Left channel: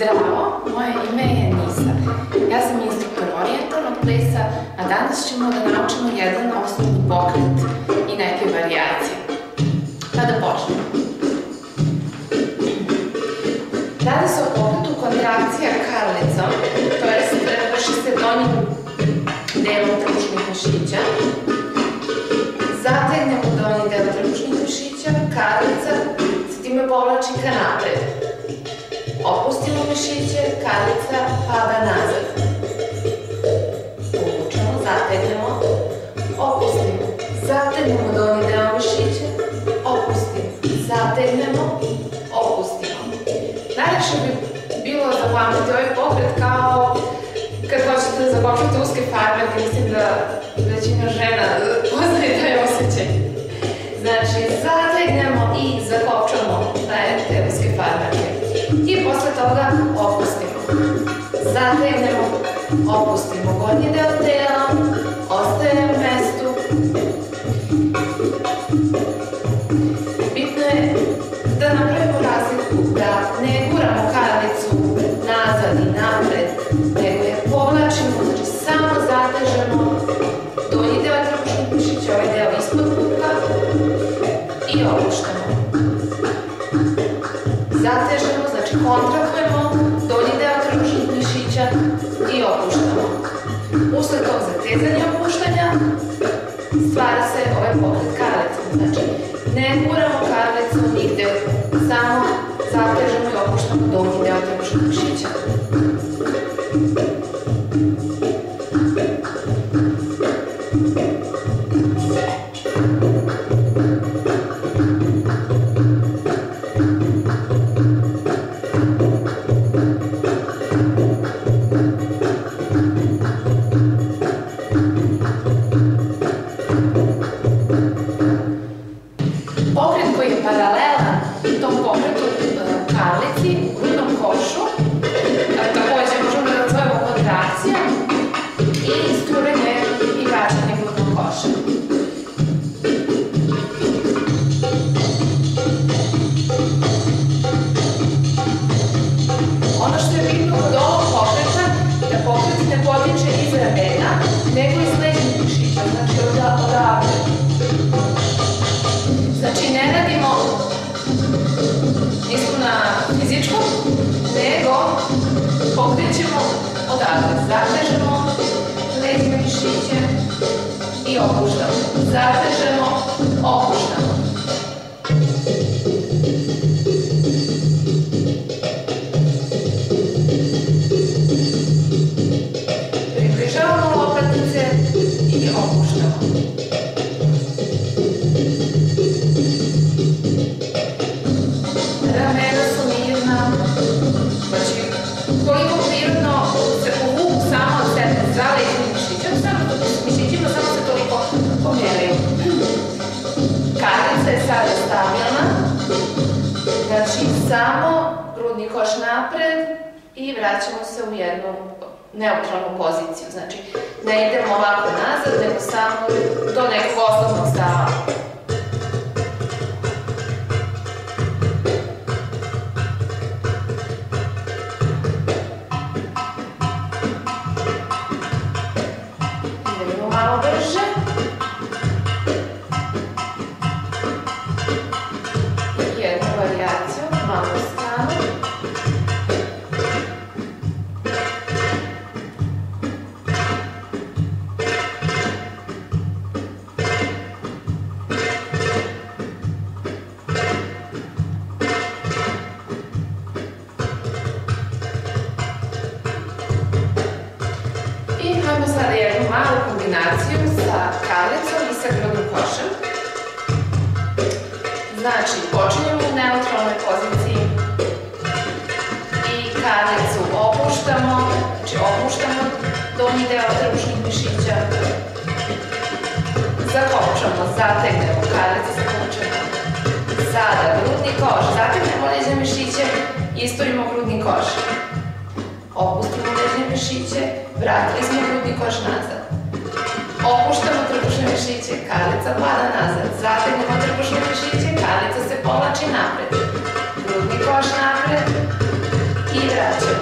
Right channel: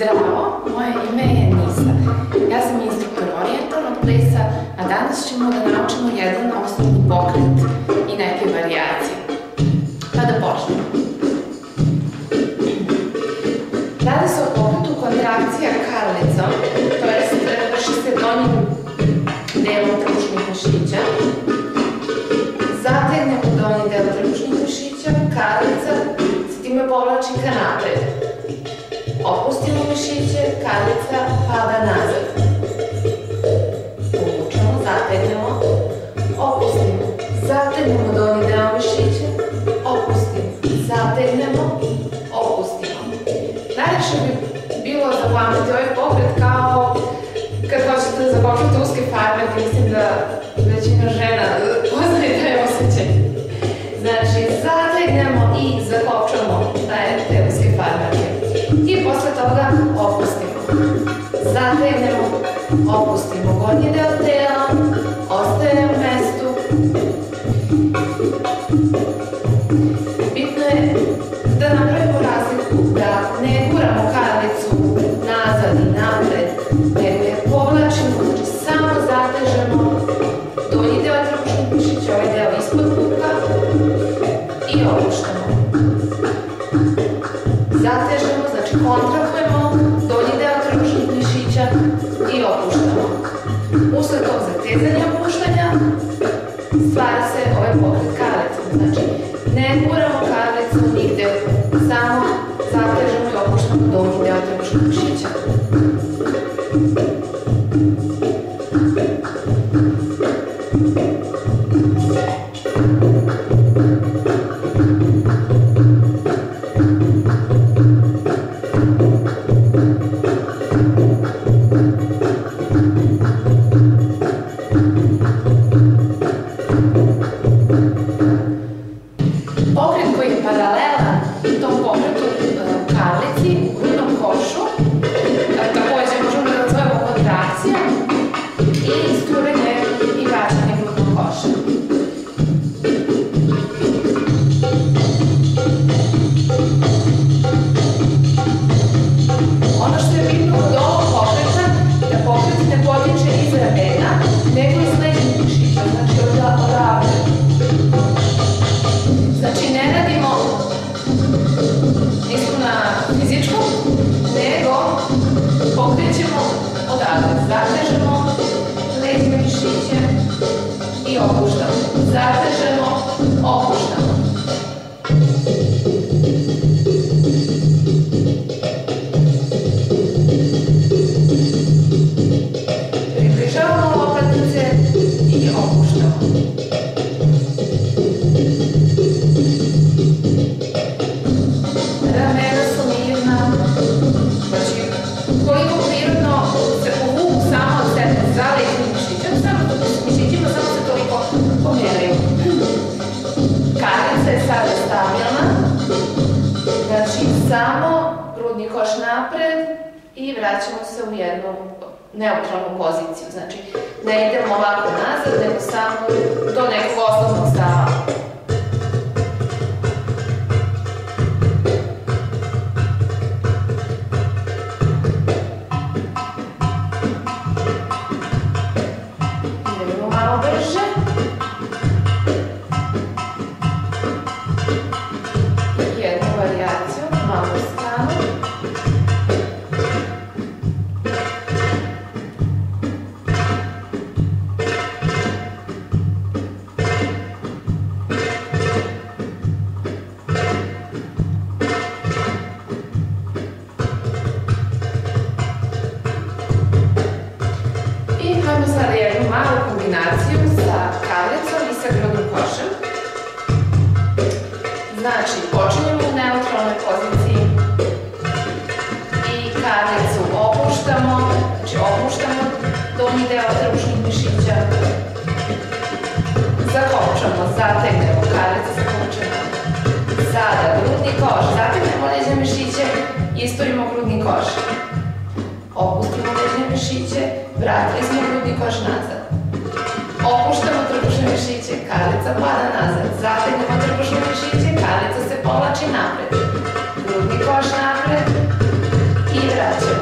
Zdravo, moje ime je Nisa. Ja sam instruktor orijentalnog plesa, a danas ćemo da naučimo jedan osnovni pokret i neke varijacije. Pa da počnemo. Radi se o pokretu kontrakcija karlicom, to jest vrši se donjim delom trbušnih mišića. Zategnemo donji deo trbušnih mišića, karlica se time povlači ka napred. Opustimo mišiće, karlica pada nazad. Povučemo, zategnemo, opustimo. Zategnemo donji deo mišića, opustimo. Zategnemo, opustimo. Najlakše bi bilo zapamtiti ovaj pokret kao kad hoćete da zakopčate uske farmerke. Mislim da većina žena poznaje taj osjećaj. Znači, zategnemo i zakopčamo te uske farmerke. I posle toga opustimo. Zategnemo, opustimo gornji deo tela, ostaje u mestu. Bitno je da napravimo razliku, da ne guramo karlicu nazad i napred, nego je povlačimo, znači samo zatežemo donji deo trbušnih mišića, ovaj deo ispod puka i opuštamo. Zatežemo, znači kontrakujemo donji deo trbušnih mišića i opuštamo. Usled tog zatezanja i opuštanja stvara se ovaj pokret karlicom. Znači, ne guramo karlicu nigde, samo zatežemo i opuštamo donji deo trbušnih mišića. Pokret koji je paralelan tom pokretu karlici u grudnom košu, takođe možemo da nazovemo kontrakcija i isturanje i vraćanje grudnog koša. Ono što je bitno kod ovog pokreta, da pokret ne potiče iz ramena, nego iz leđnih mišića, znači odavde. Znači, ne radimo nismo na fizičkom, nego pokrećemo odavde. Zatežemo leđne mišiće i opuštamo. Zatežemo, opuštamo. Približavamo lopatice i opuštamo. Ramena su mirna, znači koliko prirodno se povuku samo od sebe za leđnim mišićima, samo se toliko pomeraju. Karlica je sada stabilna, znači samo grudni koš napred i vraćamo se u jednu neutralnu poziciju. Znači ne idemo ovako nazad, nego samo do nekog osnovnog stava. Malo brže. Jednu varijaciju, malo u stranu. I imamo sada jednu malu kombinaciju sa karlicom i sa grudnim košem. Znači, počinjemo u neutralnoj poziciji i karlicu opuštamo, znači opuštamo donji deo trbušnih mišića. Zakopčamo, zategnemo, karlica zakopčamo. Sada grudni koš, zategnemo leđne mišiće, isturimo grudni koš. Opustimo leđne mišiće, vratili smo grudni koš nazad. Opuštamo trbušne mišiće, karlica pada nazad. Zategnemo trbušne mišiće, karlica se povlači napred. Grudni koš napred i vraćamo.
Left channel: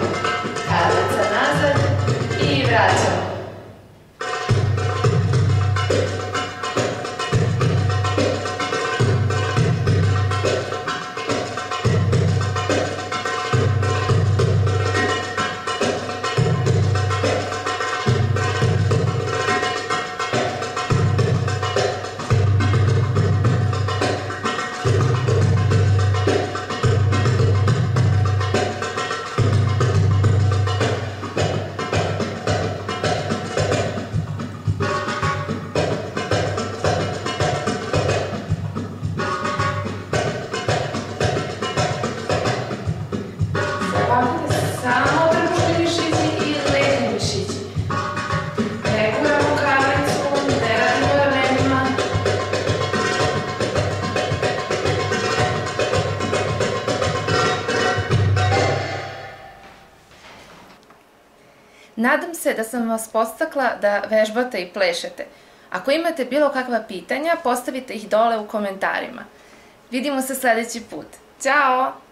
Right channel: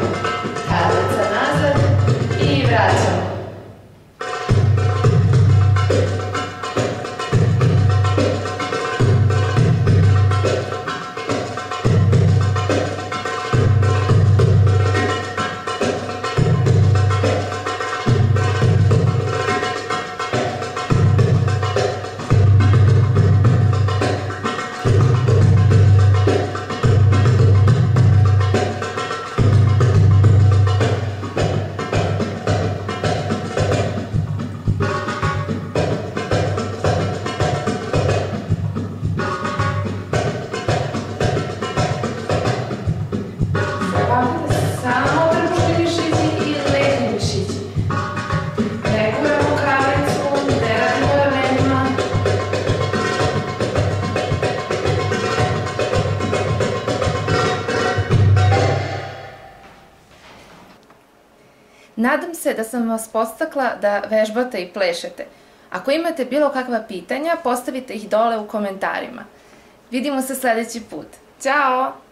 Nadam se da sam vas podstakla da vežbate i plešete. Ako imate bilo kakva pitanja, postavite ih dole u komentarima. Vidimo se sledeći put. Ćao!